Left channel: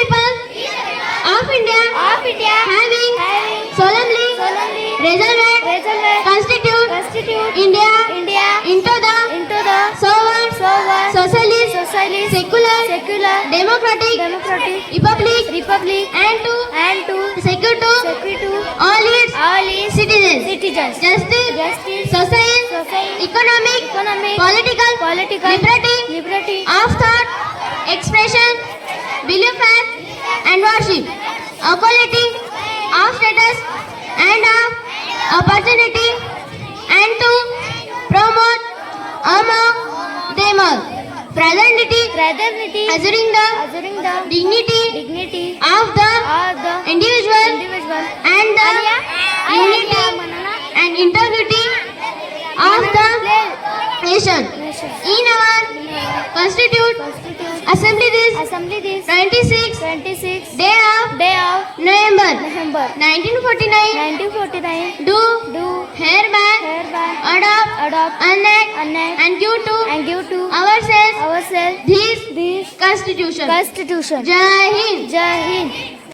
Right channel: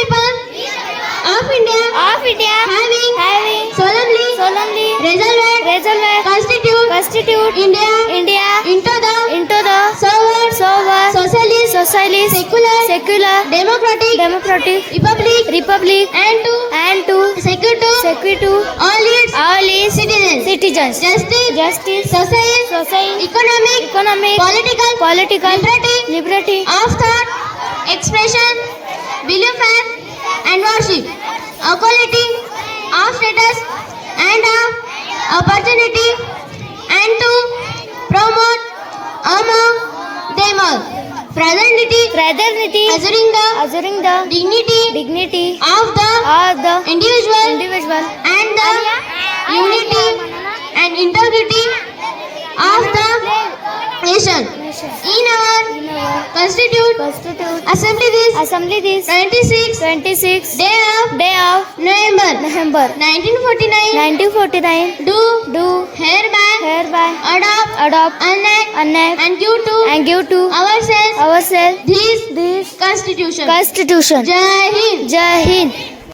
people of India having solemnly resolved constitute India into the sovereign socialist secular democratic republic and to secure to all its citizens justice social economic political liberty of thought expression belief and worship equality of status and of opportunity and to promote among them all fraternity assuring the dignity of the individual and the unity and integrity of the nation. In our constitute assembly this 26 day of November 1949 do hereby adopt enact and give to ourselves this constitution. Jai Hind.